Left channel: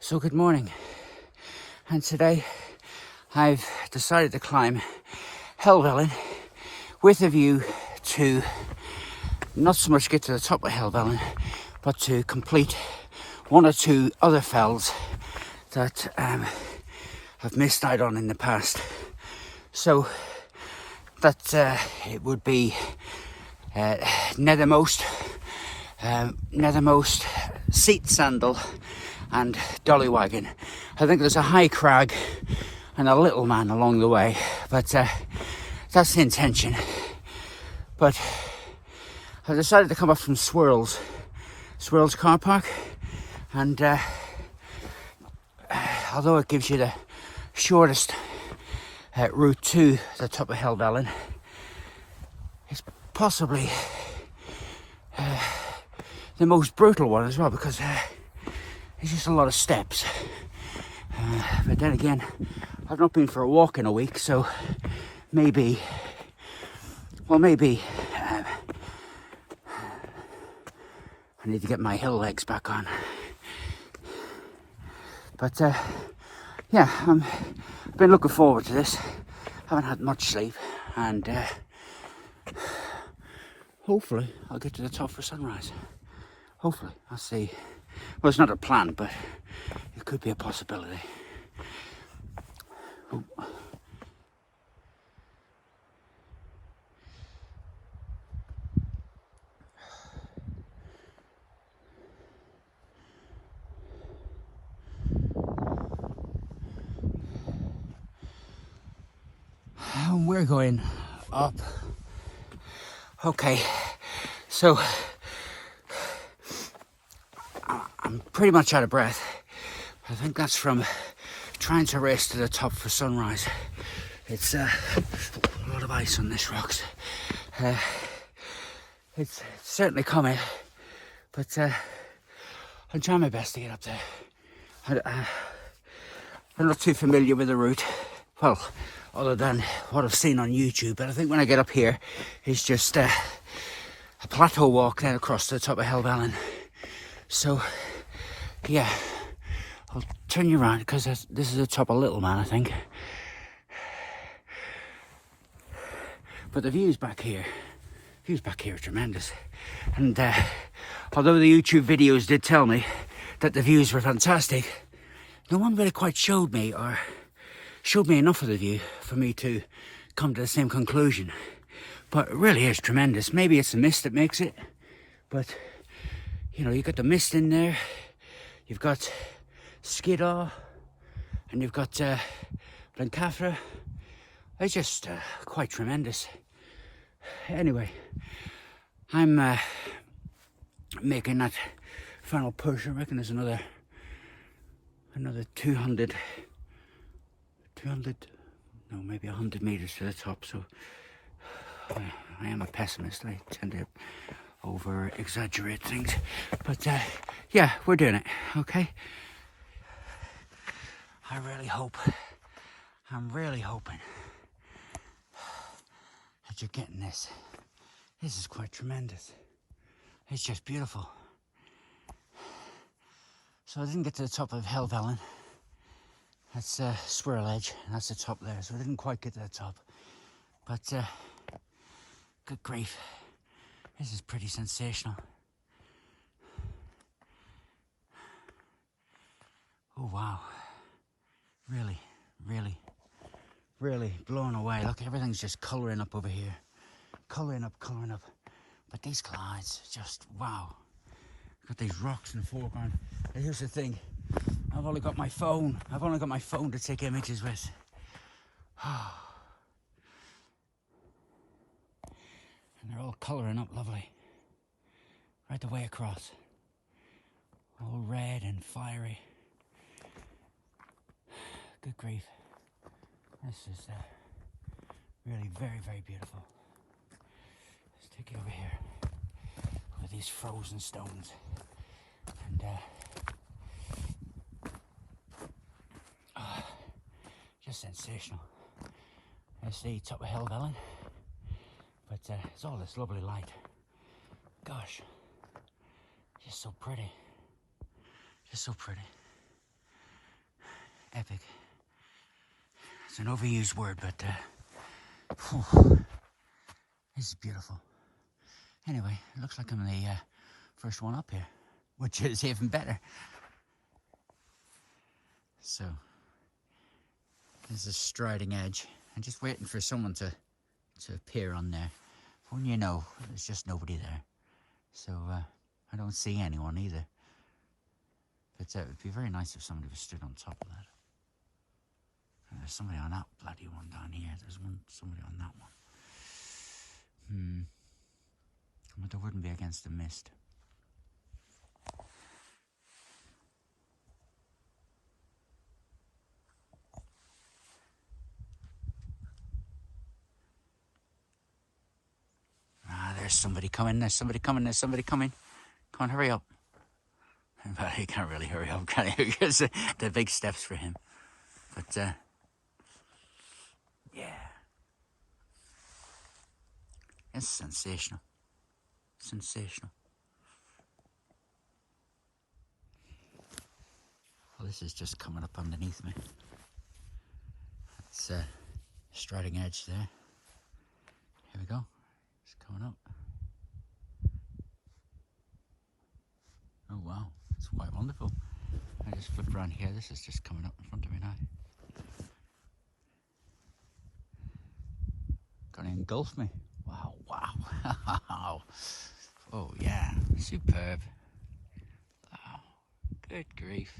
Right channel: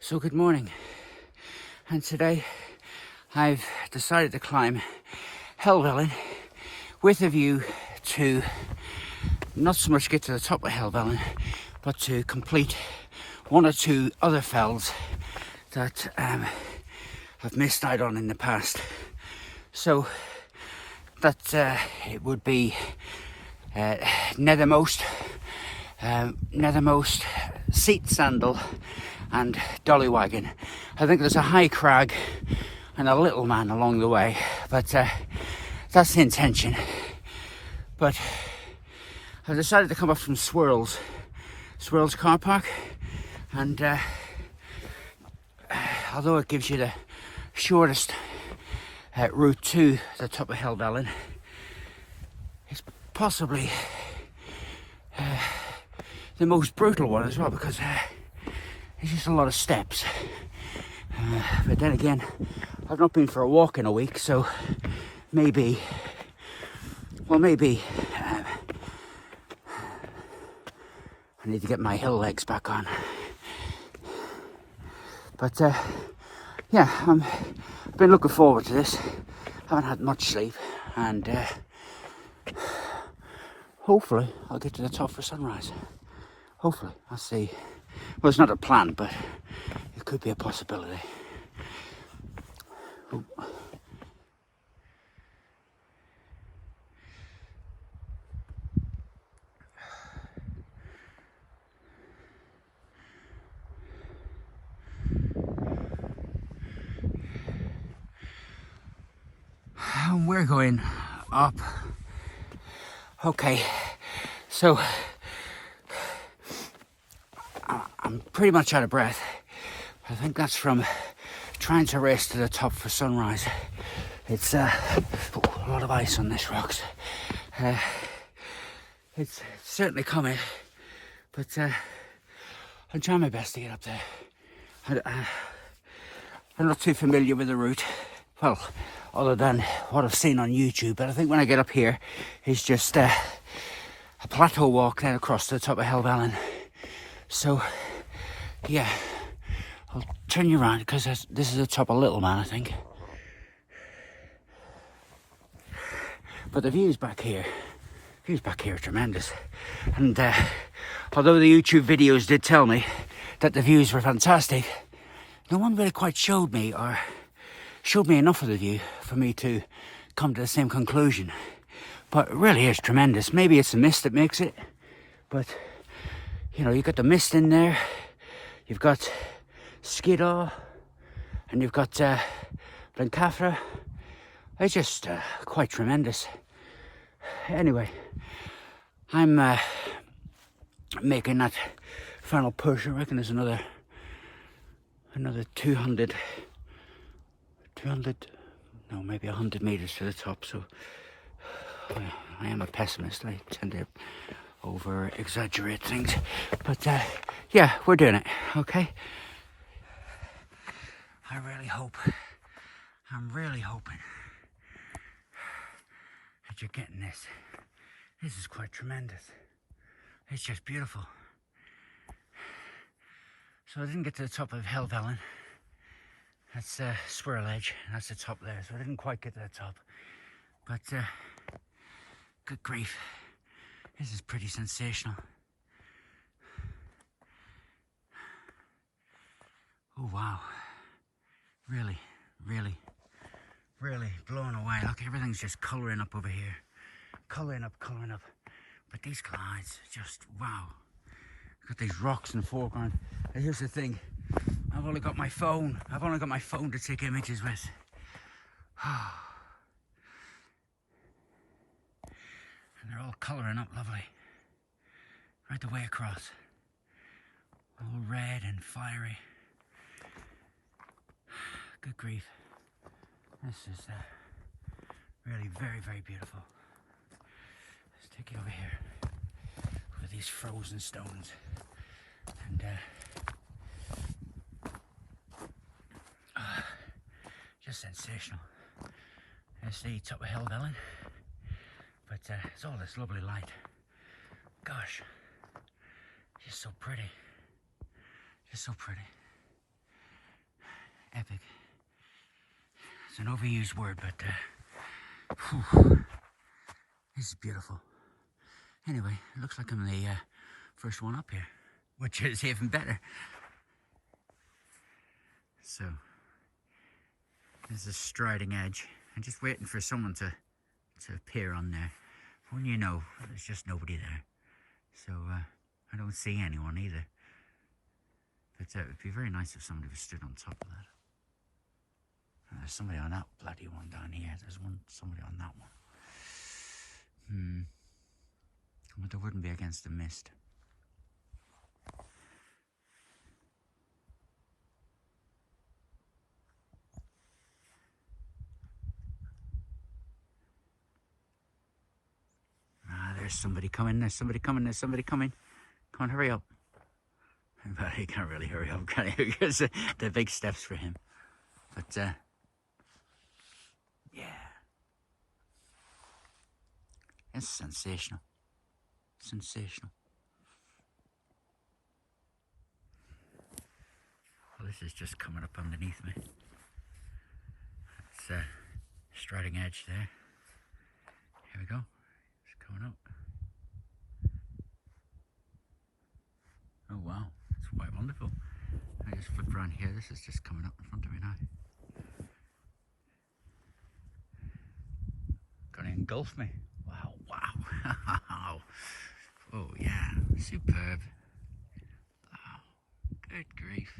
So good morning, and today I've decided to climb Helvellyn with a view to not so much get to the top of Helvellyn, but to complete one or two other fells that I've missed out on in the past. So that it would be Nethermost, sandal and dollywaggon. I think there's a high crag and a little man along the way, but that's the intention. But I've decided to come up from Swirls car park, and although it gives you the shortest route to the top of Helvellyn, it's possibly the most brutal one as well, because it's just a lot of steps. But then again, I've not been for a walk in a week, so maybe I need to get my hill legs back on. But yeah, I've been looking forward to this. Haven't had much sleep, and hopefully I'll get to the top for sunrise. Hopefully, I'll see. Well, it's not a plan, but it could be a possibility. Ooh. And we're going up. Okay, so I'm pretty much out of breath. I think that's from trying to race to the top for sunrise. It's a lot of ice on this rocks. It's certainly coming, but I'm trying my best to get up there. I'm not too familiar with the route, well, other than what I've seen on YouTube, but I think when I get up here, it's just a plateau walk then across to the top of Helvellyn. So yeah, I'll turn you around, because this is the top of Little Man, I think. But the views back here are tremendous. And although the YouTube videos did tell me that the views were fantastic, no one really quite showed me enough of the view for me to come to the same conclusion. But it really is tremendous. Maybe it's the mist that makes it, but you know, you've got the mist in there, you've got Skiddaw, and you've got Blencathra. It's just quite tremendous. Anyway, I'm making that final push. I reckon there's another 200, no, maybe 100 meters to the top. So I am a pessimist. I tend to over exaggerate things, but yeah, we're doing it. Okay, I'm really hoping that you're getting this. This is quite tremendous. It's just beautiful. So I didn't get to the top of Helvellyn. That's Swirl Edge, and that's the top there. So I didn't quite get to the top, but good grief, this is pretty sensational. Oh wow, really blown away. Look, everything's just colouring up over here, colouring up. But these clouds, just wow. Got these rocks in the foreground. And here's the thing, I've only got my phone to take images with. And they're all colouring up lovely, right the way across, all red and fiery. Good grief, this is really very beautiful. Let's take it over here, over these frozen stones, and just sensational. There's the top of Helvellyn, but it's all this lovely light. Gosh, just so pretty, just so pretty. Epic. It's an overused word, but whew, this is beautiful. Anyway, it looks like I'm the first one up here, which is even better. So, there's a striding edge. I'm just waiting for someone to appear on there. When you know, there's just nobody there. So, I don't see anyone either. But it would be very nice if somebody was stood on top of that. And there's somebody on that bloody one down here. There's somebody on that one. But there wouldn't be against the mist. There's somebody coming, there's somebody coming, there's somebody coming. Come on, hurry up. But he can't really hurry up, can he? Because they're big steps for him. But, yeah. It's sensational. Sensational. Well, this is just coming up underneath me. It's striding edge there. Here we go. It's coming up. Oh wow, it's quite wonderful. I just flipped around here. This is just coming up in front of me now. Gonna engulf me. Wow, wow. Oh yeah, superb. Oh, good grief.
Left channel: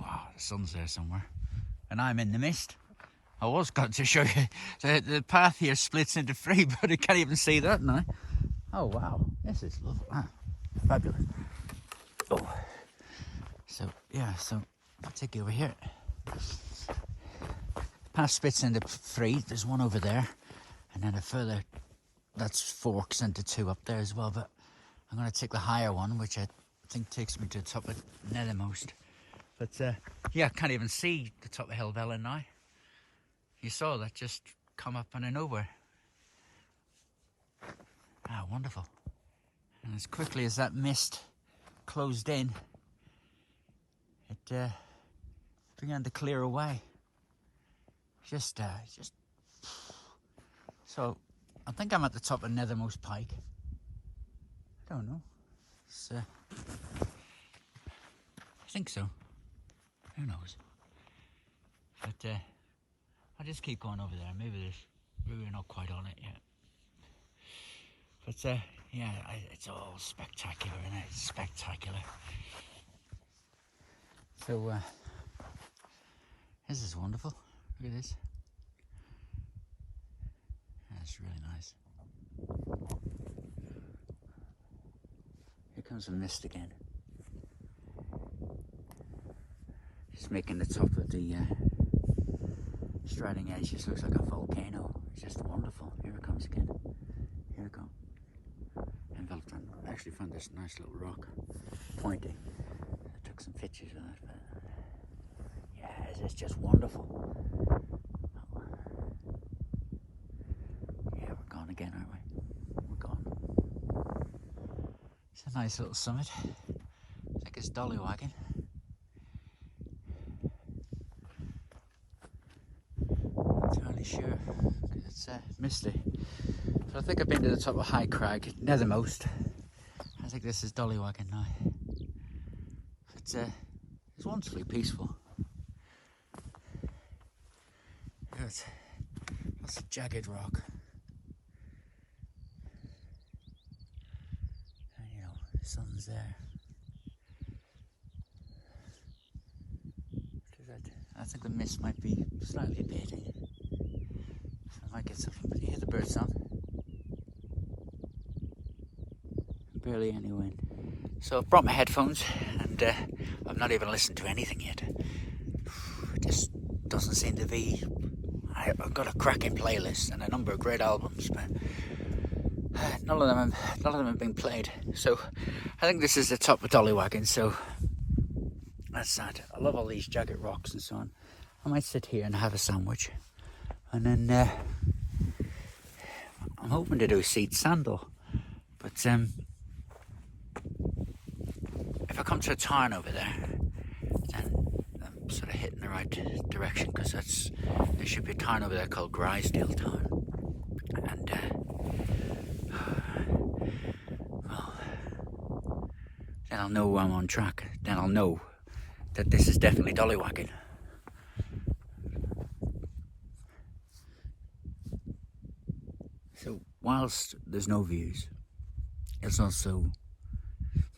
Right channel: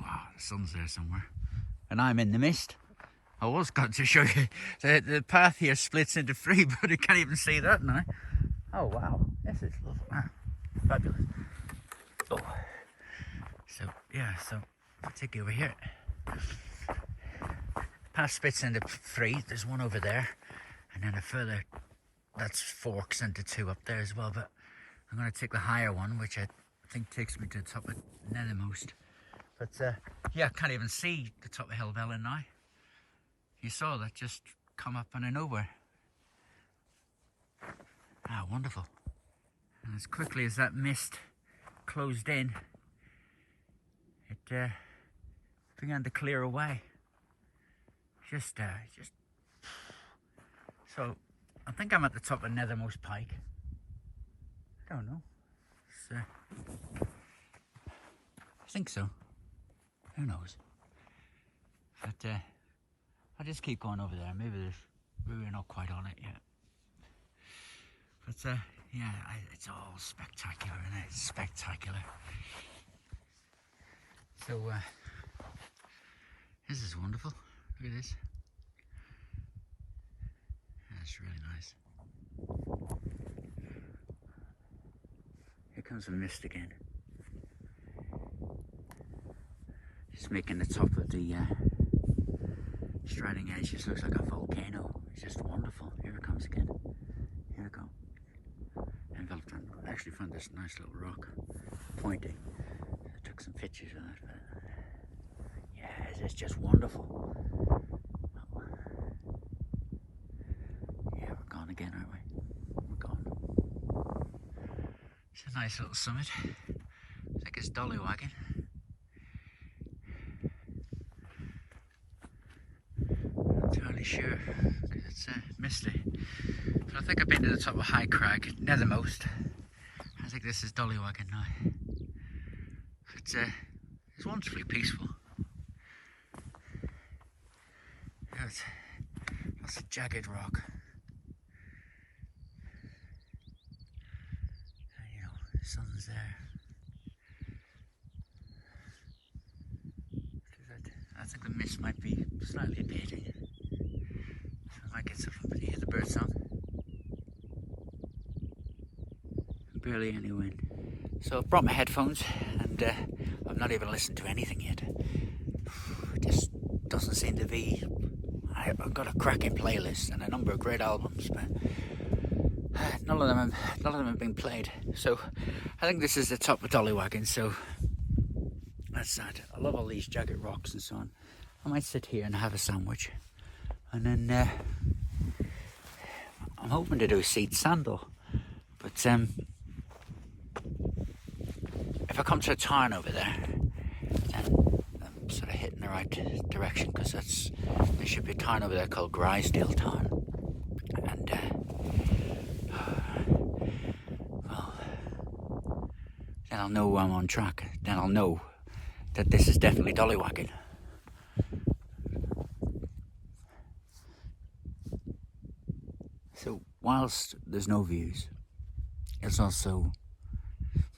Wow, the sun's there somewhere. And I'm in the mist. I was going to show you the path here splits into three, but I can't even see that now. Oh wow, this is fabulous. Oh, so yeah, so I'll take you over here. Path splits into three. There's one over there, and then a further that's forks into two up there as well. But I'm going to take the higher one, which I think takes me to the top of Nethermost. But yeah, I can't even see the top of Helvellyn now. You saw that just come up out of nowhere. Ah, wonderful. And as quickly as that mist closed in, it began to clear away. Just, so I think I'm at the top of Nethermost Pike. I don't know. It's, I think so. Who knows? But I'll just keep going over there. Maybe we're not quite on it yet. But yeah, it's all spectacular, isn't it? It's spectacular. So this is wonderful. Look at this. That's really nice. Here comes the mist again. Just making the top of the striding edge. This looks like a volcano. It's just wonderful. Here it comes again. Here it comes. Enveloped. I actually found this nice little rock pointing. I took some pictures of it. But yeah, it's just wonderful. Yeah, we're gone again, aren't we? We're gone. It's a nice little summit. I think it's dollywaggon. Sure, it's misty. So I think I've been to the top of High Crag, Nethermost. I think this is dollywaggon now. It's wonderfully peaceful. There's lots of jagged rock. And you know, the sun's there. I think the mist might be slightly abating. I get something to hear the bird song. Barely any wind. So I've brought my headphones and I've not even listened to anything yet. It just doesn't seem to be. I've got a cracking playlist and a number of great albums, but none of them have been played. So I think this is the top of dollywaggon. So that's that. I love all these jagged rocks and so on. I might sit here and have a sandwich. And then I'm hoping to do seed sandal, but if I come to a turn over there, then I'm sort of hitting the right direction, because there should be a town over there called Grisdale Town, and well, then I'll know I'm on track. Then I'll know that this is definitely dollywaggon. So whilst there's no views, it's also,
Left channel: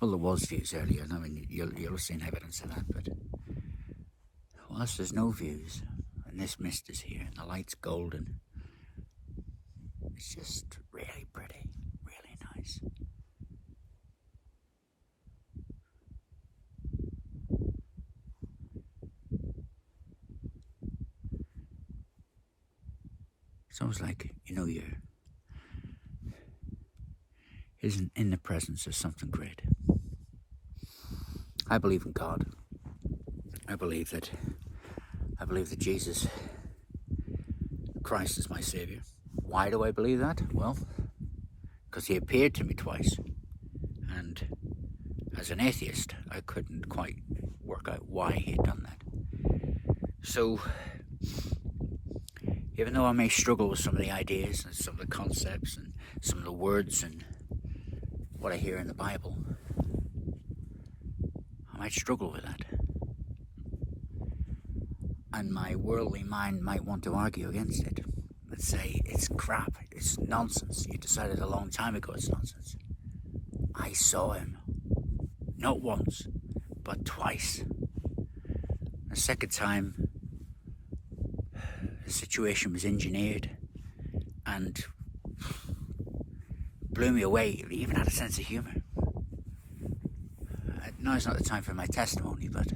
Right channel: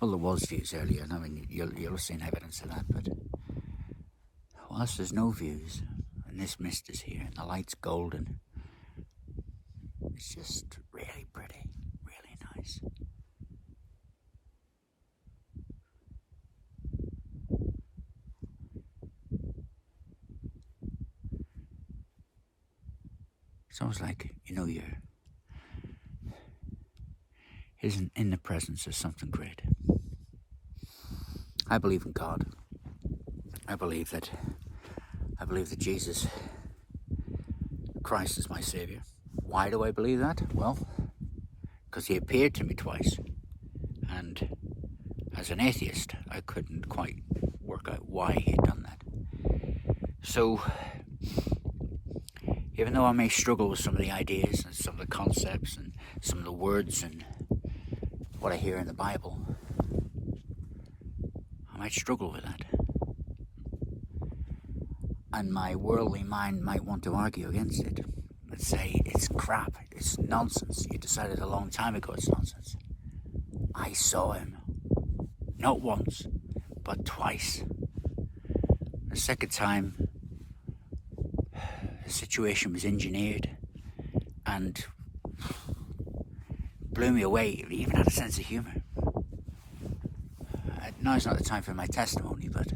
well, there was views earlier, and I mean, you'll have seen evidence of that, but whilst there's no views, and this mist is here, and the light's golden, it's just really pretty, really nice. It's almost like, you know, you're in the presence of something great. I believe in God. I believe that Jesus Christ is my Saviour. Why do I believe that? Well, because he appeared to me twice, and as an atheist, I couldn't quite work out why he had done that. So, even though I may struggle with some of the ideas and some of the concepts and some of the words and what I hear in the Bible, I might struggle with that. And my worldly mind might want to argue against it and say, it's crap, it's nonsense. You decided a long time ago it's nonsense. I saw him, not once, but twice. The second time, the situation was engineered and blew me away. It even had a sense of humour. Now is not the time for my testimony, but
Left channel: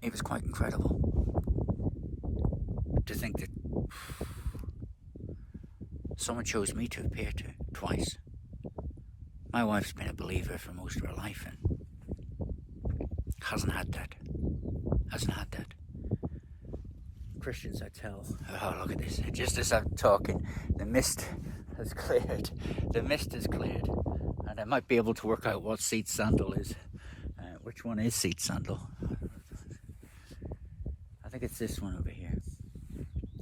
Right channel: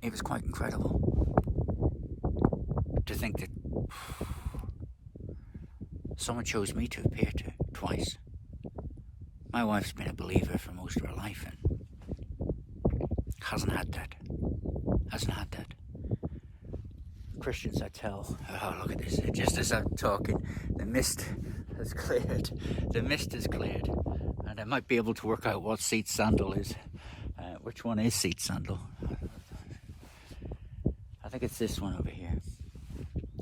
it was quite incredible to think that someone chose me to appear to twice. My wife's been a believer for most of her life and hasn't had that. Christians, I tell, oh, look at this, just as I'm talking, the mist has cleared. And I might be able to work out what seat sandal is. Which one is seat sandal? I think it's this one over here.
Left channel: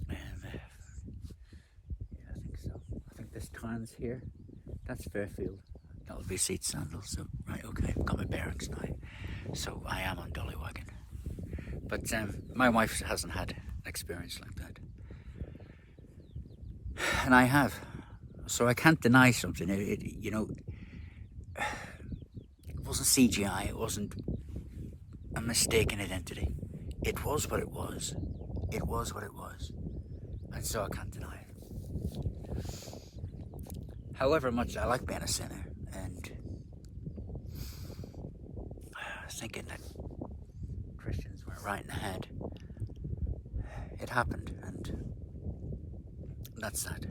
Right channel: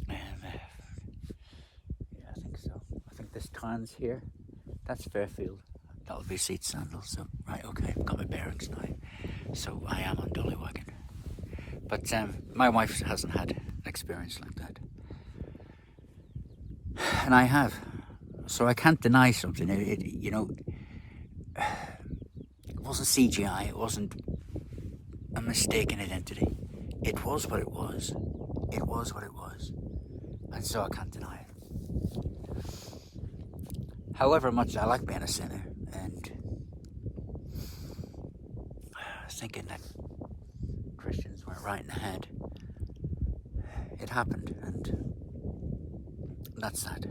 Yeah, I think so. I think this town's here. That's Fairfield. That would be seat sandal. So, right, okay, I've got my bearings now. So I am on dollywaggon. But my wife hasn't had an experience like that. And I have. So I can't deny something. It wasn't CGI. It wasn't a mistaken identity. It was what it was. It was what it was. And so I can't deny it. However much I like being a sinner, and I was thinking that Christians were right in the head. It happened, and that's that.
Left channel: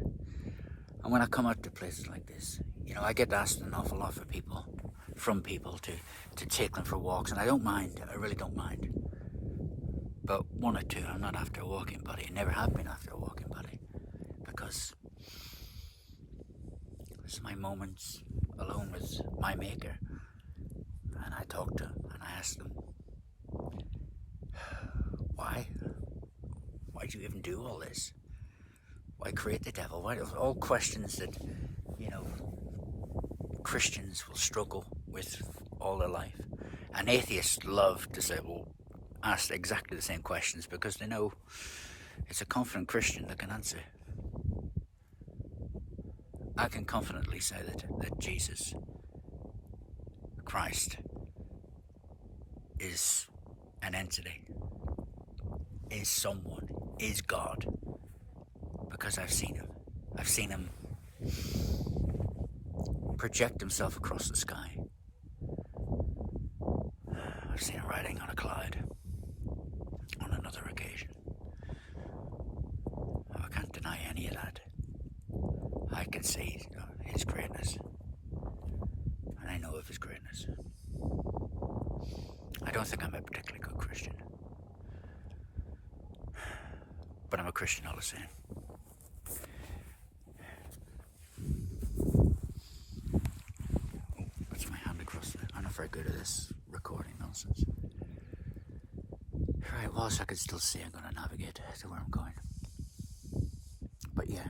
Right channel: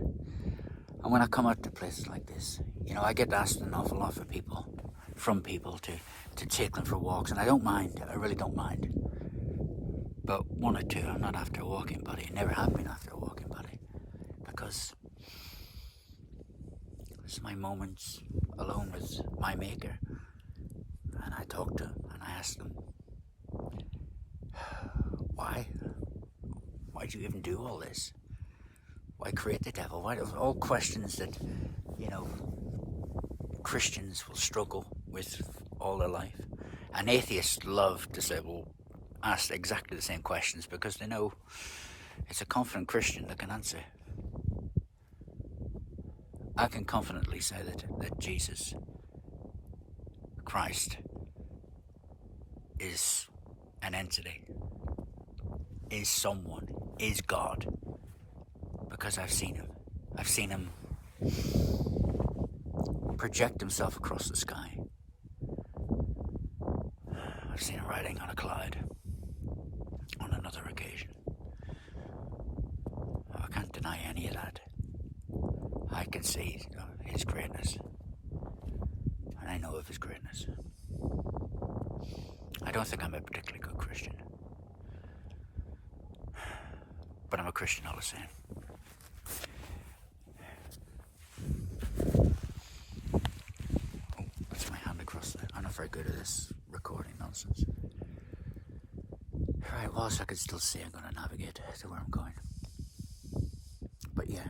And when I come out to places like this, I get asked an awful lot from people to take them for walks, and I don't mind. I really don't mind. But one or two, I'm not after a walking buddy. I never have been after a walking buddy, because it's my moments alone with my maker, and I talk to him and I ask him, why'd you even do all this? Why create the devil? Why? All questions that Christians will struggle with all their life, and atheists love to say, well, ask exactly the same questions, because they know it's a confident Christian that can answer. I can confidently say that Jesus Christ is an entity, is someone, is God, because I've seen him. I've seen him project himself across the sky. I've seen him riding on a cloud on another occasion. I can't deny any of that. I can see his greatness, and I know of his greatness. I don't think I'm a particularly good Christian, but I'm a Christian all the same. very good at this recording nonsense. Right, whilst I can still see, I'm going to navigate to where I'm going. But yeah,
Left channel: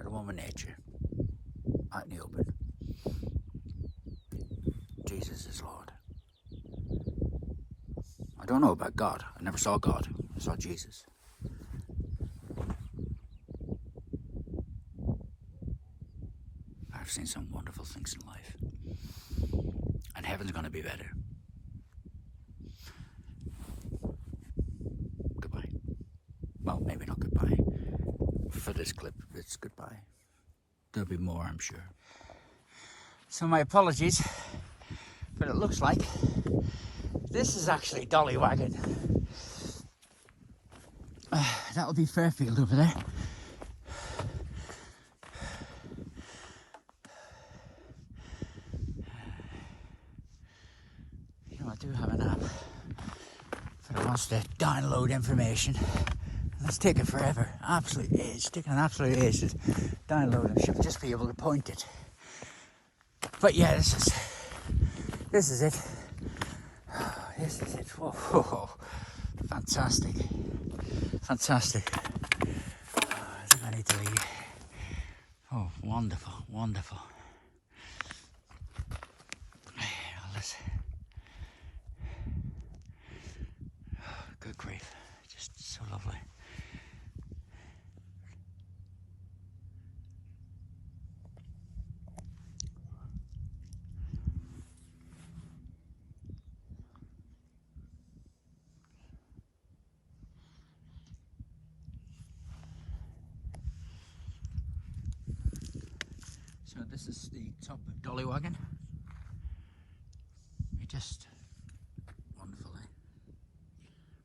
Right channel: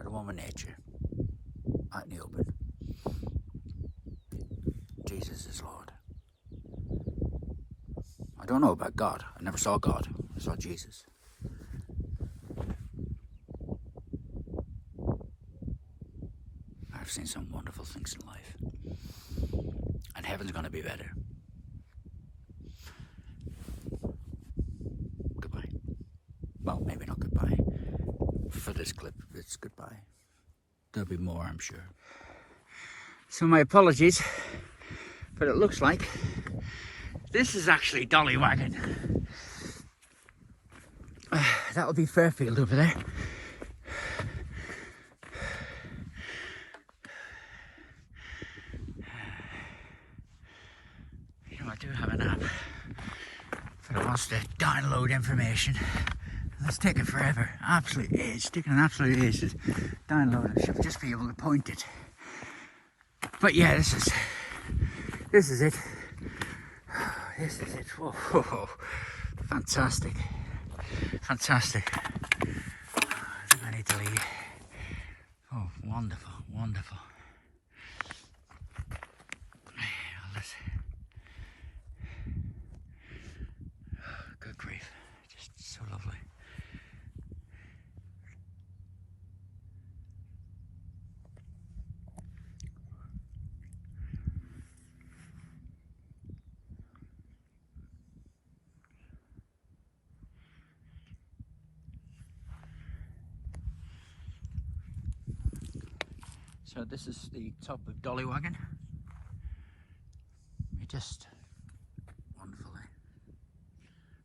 at one with nature, out in the open. Jesus is Lord. I don't know about God. I never saw God. I saw Jesus. I've seen some wonderful things in life. And heaven's going to be better. Goodbye. Well, maybe not goodbye. For this clip, it's goodbye. There'll be more, I'm sure. So my apologies, but it looks like this is actually dollywaggon. That would be Fairfield over there. You know, I do have an app, but it wants to download information. It's taking forever. Absolutely, it's taking an absolute age to download it. Should just be able to point it. But yeah, this is it. This is it. Whoa, whoa, whoa. Fantastic. Fantastic. I think I need to leave. Oh, wonderful, wonderful. Good grief. Just so lovely. So this is the top of Dollywaggon. It's just wonderful, eh?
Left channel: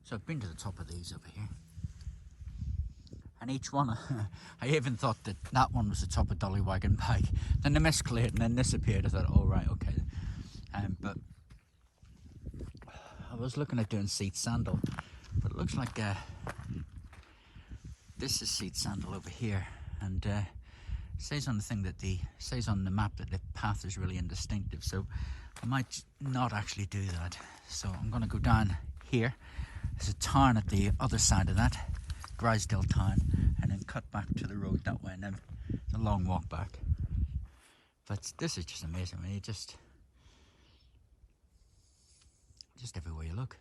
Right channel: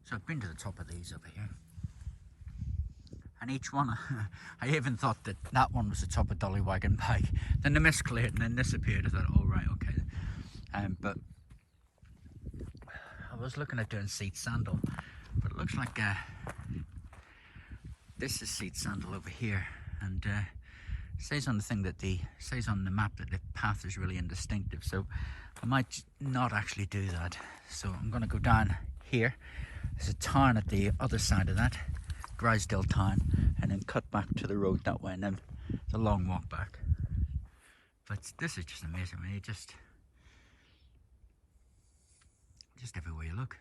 So I've been to the top of these over here. And each one, I even thought that that one was the top of Dollywaggon Pike. Then the mist cleared and then this appeared. I thought, oh right, okay. But I was looking at doing seat sandal. But it looks like this is seat sandal over here. And it says on the thing that says on the map that the path is really indistinctive, so I might not actually do that. So I'm going to go down here. There's a town at the other side of that, Grisdale town, and then cut back to the road that way, and then it's a long walk back. But this is just amazing. I mean, just everywhere you look.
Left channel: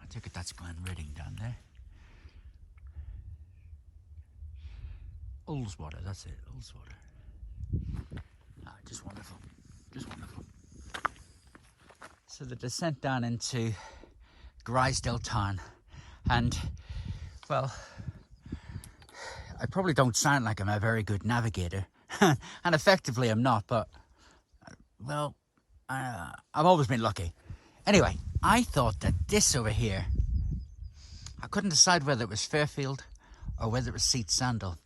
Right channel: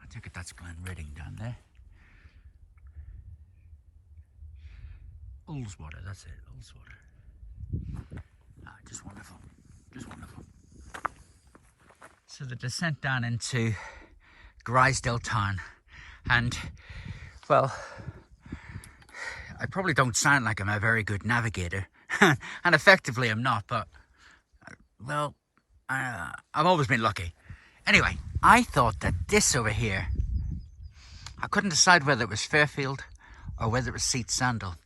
I take it that's Glen Reading down there. Ullswater, that's it, Ullswater. Ah, just wonderful, just wonderful. So the descent down into Grisdale town, and well, I probably don't sound like I'm a very good navigator, and effectively I'm not, but well, I've always been lucky. Anyway, I thought that this over here, I couldn't decide whether it was Fairfield or whether it was Seat Sandal,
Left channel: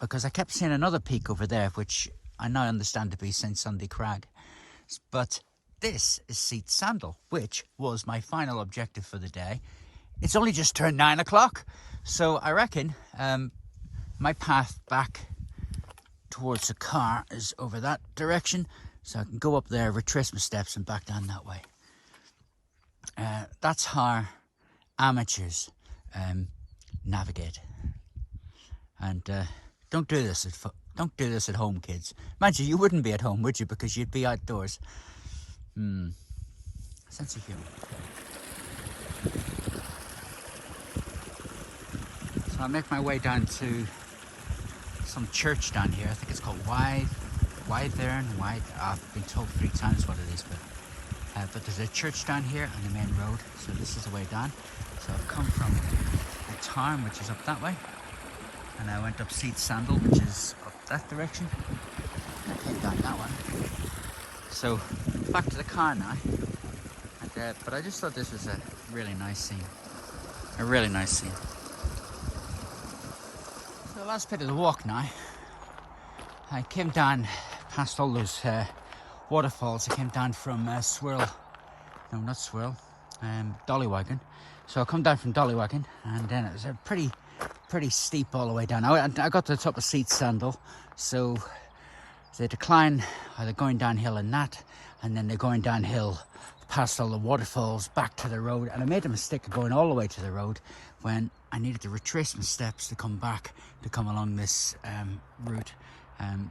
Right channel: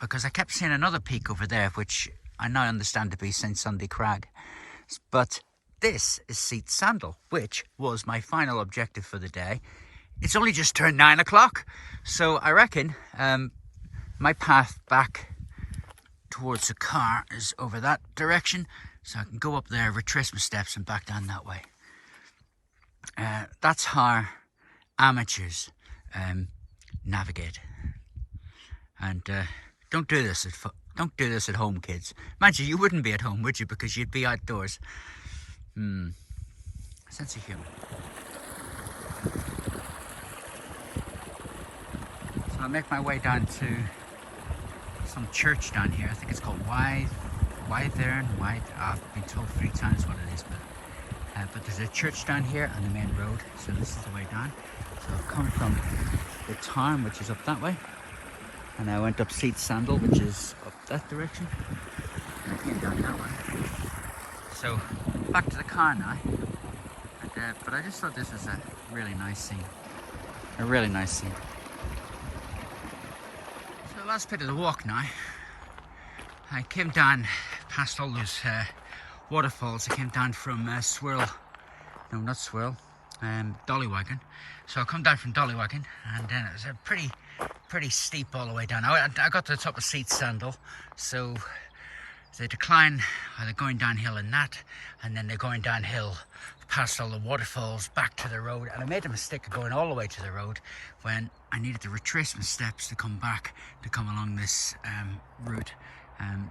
because I kept seeing another peak over there, which I now understand to be St Sunday Crag. But this is Seat Sandal, which was my final objective for the day. It's only just turned 9 o'clock, so I reckon my path back towards the car is over that direction, so I can go up there, retrace my steps, and back down that way. That's how amateurs navigate. And don't do this at home, kids. Mind you wouldn't be at home, would you? Because you'd be outdoors. Sense of humour. So I'll make my way down to some church down here. I think it's called Wainwright. I've been told 3 times what it is, but there's a church down here on the main road. So this is the way down. So I've come from the town, which is up that way, and I went up Seat Sandal, which is up that direction. I came down that way. So back to the car now. And, but I just thought this was a really nice scene. A really nice scene. So the last bit of the walk now. I came down past all those waterfalls. I came down from Dollywaggon. So I come down from Dollywaggon, and then it was a pretty pretty steep all the way down. I got to the top of sandal, so they decline, or they're going downhill in that, and then they're going downhill past all the waterfalls back to the road. And I made a mistake of going all the way to the road when I needed to retrace my steps to come back, to come along this route. You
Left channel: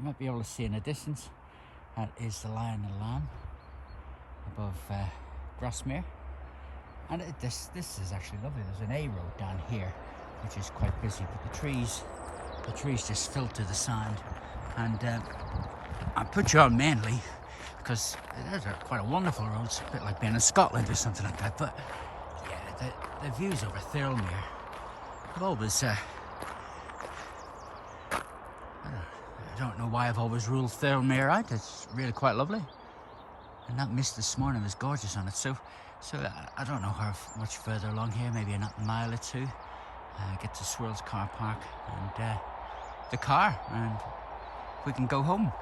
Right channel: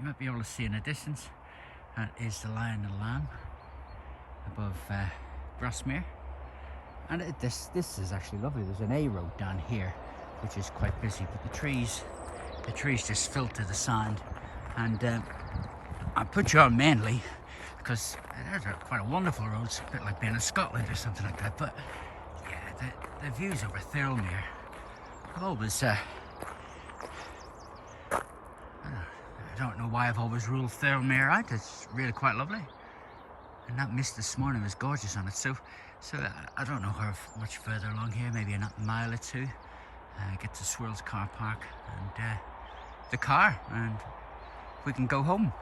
might be able to see in the distance, that is the Lion and Lamb above Grasmere. And this is actually lovely. There's an A road down here, which is quite busy, but the trees just filter the sand. And I put you on mainly because there's quite a wonderful road. It's a bit like being in Scotland or something like that. But yeah, the views over Thirlmere have always, I don't know why I've always ruled Thirlmere out. It's really quite lovely. And that mist this morning was gorgeous on it. So I don't know how much further along here, maybe a mile or two. Get to Swirls car park and the car, and we can go home.